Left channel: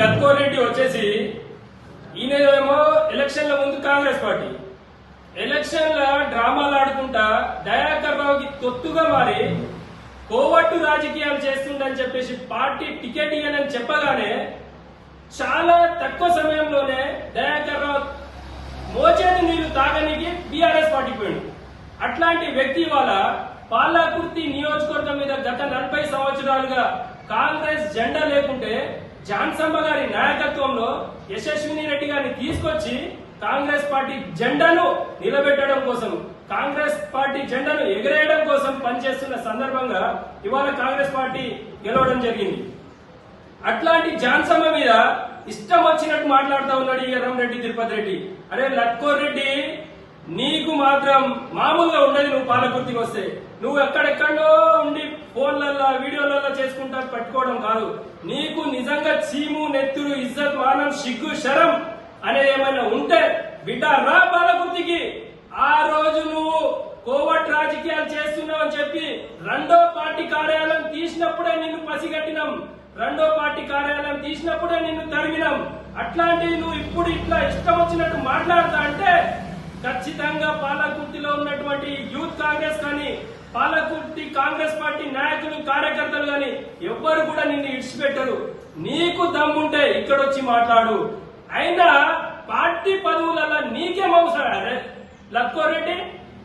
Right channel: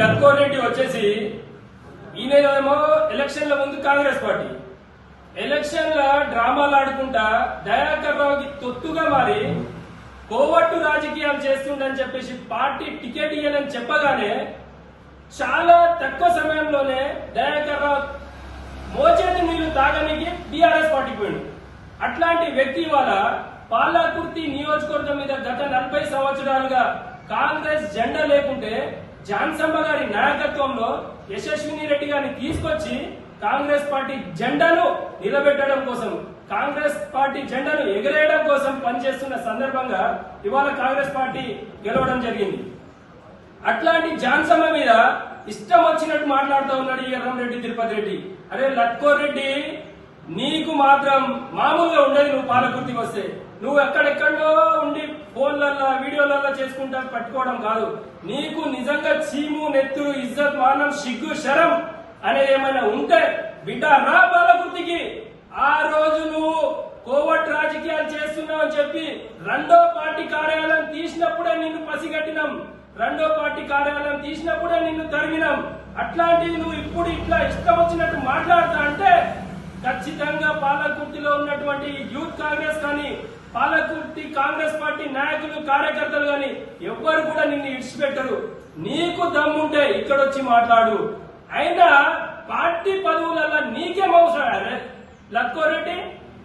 లత్కోర్ రెడ్డి వచ్చేసి ఈయనేమో ఎలక్షన్ల ముందు కాంగ్రెస్ పార్టీ. ఎలక్షన్ల డ్రామాలు ఆడుకుంటా దయాకర్ రావుకి తొత్తుగా మారి కోవట్టు రాజకీయాలు చేస్తుండని చెప్పేసి పార్టీ టికెట్ ఇయ్యనని చెప్పగానే చాలా తక్కువ సమయంలోనే దయాకర్ రావు మోచేతి నీళ్ళు తాగనికి బీఆర్ఎస్ పార్టీ పోయిండు. అట్లాంటి వ్యక్తి వాళ్ళ పాలకుర్తి నియోజకవర్గం మీద గత నలభై సంవత్సరాలుగా కాంగ్రెస్ జెండా లేకుంటే జాన్సమ్మ గారి నాయకత్వంలో యశస్విని రెడ్డి గారిని తీసుకొచ్చి కాంగ్రెస్ పార్టీ జెండాను నిలబెట్టడం కోసం కాంగ్రెస్ పార్టీ జెండాను ఎగరేయడం కోసం పనిచేస్తున్న సందర్భంగా ఇవాళ కాంగ్రెస్ పార్టీ గెలవడం జరిగింది. అట్లాంటి జాన్సమ్మ మీద ఇష్టం వచ్చినట్టు మాట్లాడుతూ ఉన్నాడు ఈ ఎర్రంరెడ్డి తిరుపతి రెడ్డి. అరే లట్కోర్ రెడ్డి నీకు మాత్రం మామూలుగా ఉండేది నువ్వు పాలకుర్తికి వస్తే. నువ్వు ఎక్కడెక్కడో ఉండి ఫోన్లల్లో వీడియోలలో చేసుకుంటా పట్టుకోవడం కాదు. నీకు నిజంగా చీము నెత్తురు ఇజ్జత్ మానం సిగ్గు శరం అనేది ఏమైనా ఉంటే బిడ్డ రా బాలకృతికి ఆ రోజు నువ్వు కోవట్ రాజకీయాలు చేస్తున్నావు అని చెప్పి రెండో పార్టీ కార్యాలయం తీసినప్పుడే నిన్ను పసిగట్టినాం. రెండో పార్టీ కార్యాలయం తీసినప్పుడే నిన్ను తరిమినాం. అట్లాంటివి నువ్వు ఇప్పుడు ఇట్లా ఇష్టం వచ్చినట్టు మాట్లాడతా అంటే ఖచ్చితంగా పాలకుర్తిలో ఉన్నటువంటి యూత్ కాంగ్రెస్ కానీ పాలకుర్తి కాంగ్రెస్ పార్టీ నాయకులు కార్యకర్తలు కానీ ఎవ్వరు కూడా నిన్ను ఇడిచిపెట్టరు. నీకు దమ్ముంటే ఇక్కడ వచ్చి మాట్లాడు. అయినా పార్టీ పదవులలో నీకేం అవసరం? అరే లక్కోరెడ్డి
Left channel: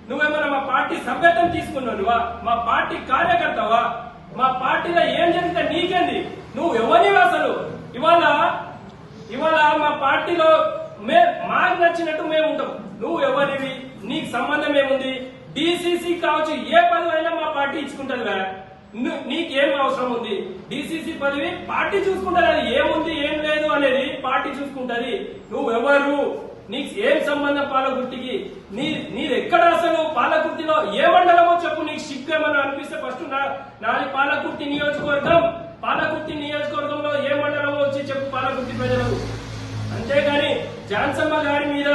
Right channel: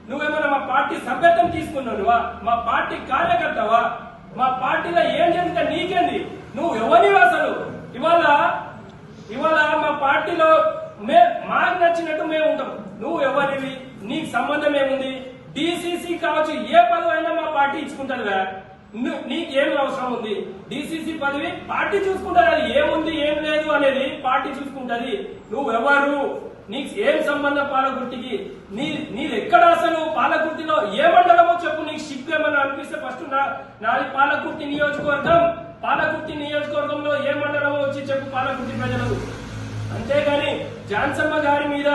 నువ్వేమన్నా మా పార్టీ సభ్యత్వం తీసుకున్నానువా మా పార్టీ కార్యకర్తవా? మా పార్టీలో ఏం జరిగితే నీకేంది? నువ్వు ఎవరివి అసలు? ఇవాళ ఇవాళ మా పార్టీలో మాకు నచ్చినట్టు మేము ఉంటాం. నువ్వు ఎవరివి? నీకు సంబంధం ఏముంది? డిసిసి కావచ్చు ఏ పదవి అయినా మా పార్టీ ఇచ్చుకుంటదిగా నీకేం అవసరం ఉంది? డిసిసి పదవి పార్టీ చూసుకుంటారు అది ఏముంది ఏం లేదు అనేది పార్టీ చూసుకుంటది. నువ్వెవరు నీకు ఏం సంబంధం పాలకుర్తికి? నీ నీది అసలు? పాలకుర్తిలో ఏ మండలమో చెప్పు నీకు షిప్ ఏమన్నా అనిపిస్తే ఫస్ట్ నా నాది పాలకుర్తి నియోజకవర్గం. పాలకుర్తి నియోజకవర్గంలో ఏ మండలమో వచ్చి చెప్పు పాలకుర్తి ప్రజలకు. అంతేగాని జాన్సమ్మ గారి మీద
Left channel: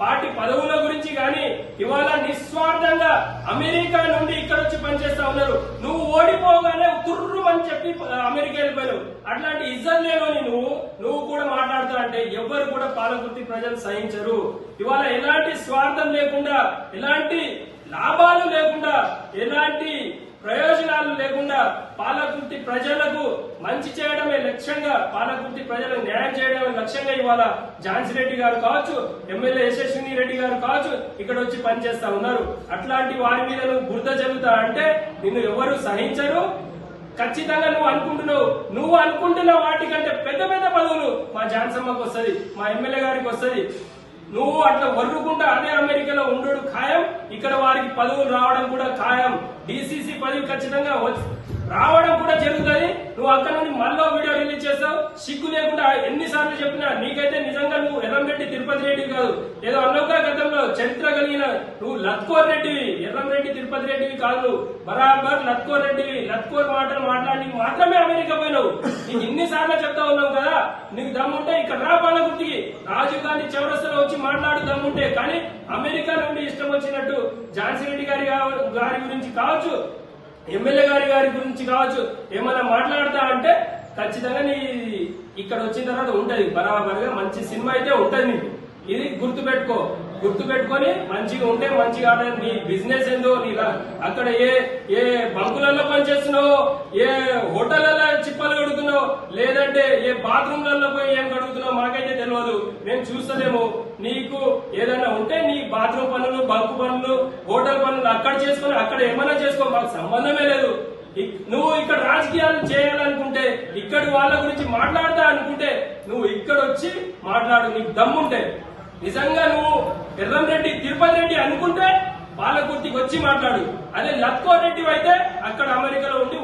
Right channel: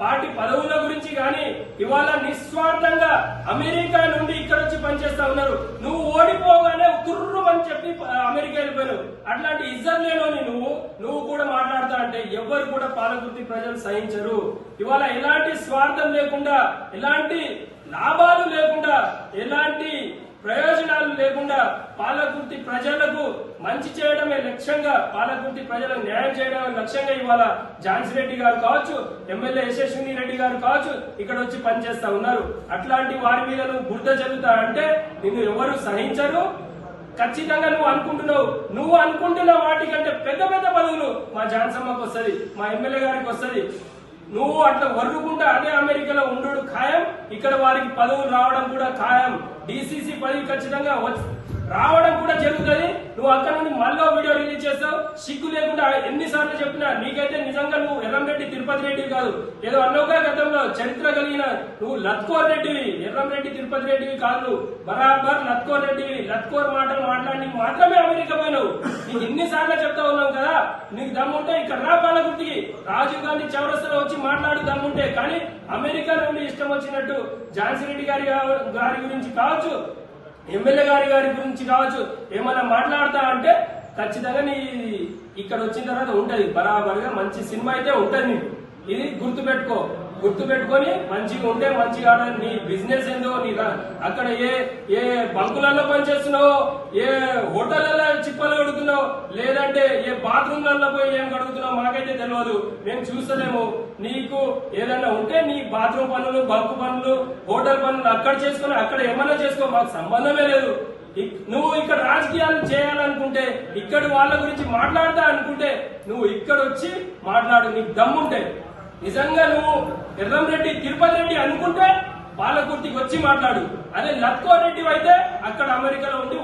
పార్టీ పదవుల గురించి గాని ఇవాళ నిస్వార్థంగా అమెరికా నుండి ఇక్కడ వచ్చి పనిచేస్తా ఉన్నారు. నువ్వు ఓడిపోగానే కుర్రు అని చెప్పి అమెరికా వెళ్ళిపోయావు అట్లాంటి ఇజ్జత్ నువ్వు నువ్వు కూడా మాట్లాడుతా అంటే ఎవ్వరు కూడా పాలకుర్తి ప్రజలు సహించరు. ఇవాళ ఎలాంటి స్వార్థం లేకుండా ఎలాంటి లాభాలు లేకుండా ఎలాంటి ప్రయోజనాలు లేకుండా పాలకుర్తి ప్రజలకు మంచి చేయడమే లక్ష్యంగా పాలకుర్తి ప్రజలకు న్యాయం చేయడమే లక్ష్యంగా ఇవాళ ఝాన్సీ రెడ్డి గారు కావచ్చు ఎమ్మెల్యే యశస్విని రెడ్డి గారు కావచ్చు ఇక్కడ వచ్చి పనిచేస్తా ఉన్నారు. అట్లాంటి వారి మీద నువ్వు బురద జరుగుతా అంటే నిన్ను ఎవరు సహించరు. ఖచ్చితంగా నువ్వు అనుకుంటున్నావు. నువ్వు అనుకుంటున్న వాటికంటే పెద్ద పెద్ద పదవులు మా జాన్సమ్మకు వస్తది మా ఎమ్మెల్యే గారికి వస్తది. నువ్వు అట్లా వర్రుకుంటా అదే అమెరికాలో ఉండడు ఖాయం. ఇక్కడ వారికి పదవులు రావడం కూడా ఖాయం. డిసిసి పదవి ఖచ్చితంగా వచ్చి- రావడం నువ్వు అంతమంది నుండి మళ్ళీ వీడియో రిలీజ్ చేస్తావు? సిగ్గు లేకుండా ఎన్నిసార్లు చెప్పినా నీకైతే నిజంగా నువ్వు ఎర్రంరెడ్డి తిరుపతి రెడ్డి కాదు. ఏదో అన్నోగా గతంలో చరిత్ర కలిగిన నువ్వు లత్కోర్ రెడ్డివి. ఎర్రంరెడ్డి తిరుపతి రెడ్డివి కాదు బరాబర్ లత్కోర్ రెడ్డివి. లత్కోర్ మాటలు మాట్లాడి మాత్రమే అమెరికా పోయినావు. నీకు ఇన్నిసార్లు చెప్తా ఉన్నావు కదా? నీకు దమ్ముంటే ఇక్కడ రా పాలకుర్తికి. రాజీవ్ గాంధీ చౌరస్తలో వచ్చి మాట్లాడు దమ్ముంటే. కానీ అమెరికా నుండి ఇష్టం వచ్చినట్టు ఝాన్సీ రెడ్డి గారి గారి గురించి కావచ్చు. ఎమ్మెల్యే గారి గారి గురించి కావచ్చు ఏమైనా మాట్లాడతా అంటే ఖచ్చితంగా నీ ఇక్కడ వచ్చిన తర్వాత ఉంటది బరాబర్గా మంచి సినిమా అయితే ఉంటది నీకు ఇది గుర్తు పెట్టుకో గుర్తు పెట్టుకొని మంచిగా ఉంటే మంచిగా ఆడాలి. నీ బిజినెస్ ఏందో నీ అక్కడ ఏ ఏ బంకులలో పనిచేస్తున్నావు ఏ హోటళ్ళలో చిప్పలు కడుగుతున్నావు లేదంటే ఏ బాత్రూమ్లలో పోయి ఏం కడుగుతున్నావు తెలియదు. మేము చూస్తలేము. నీకు ఏదైనా ఉంటే నీ బాత్రూమ్ పనులు బంకు పనులు హోటల్ పనులు అక్కడ చేసుకుని అక్కడ ఏమైనా చేసుకో. మాకు సంబంధమే లేదు. నువ్వు ఇక్కడ రాజకీయాలు చేయాలనుకుంటే ఇక్కడ వాళ్ళ గురించి మాట్లాడతా అనుకుంటే నువ్వు ఇక్కడ వచ్చి మాట్లాడు. నీకు దమ్ముంటే నిజంగా నువ్వు ఎర్రంరెడ్డి తిరుపతి రెడ్డి అనుకుంటే పాలకుర్తికి వచ్చి మాట్లాడు. అదే లత్కో రెడ్డి అయితే అక్కడ అమెరికాలో ఉండి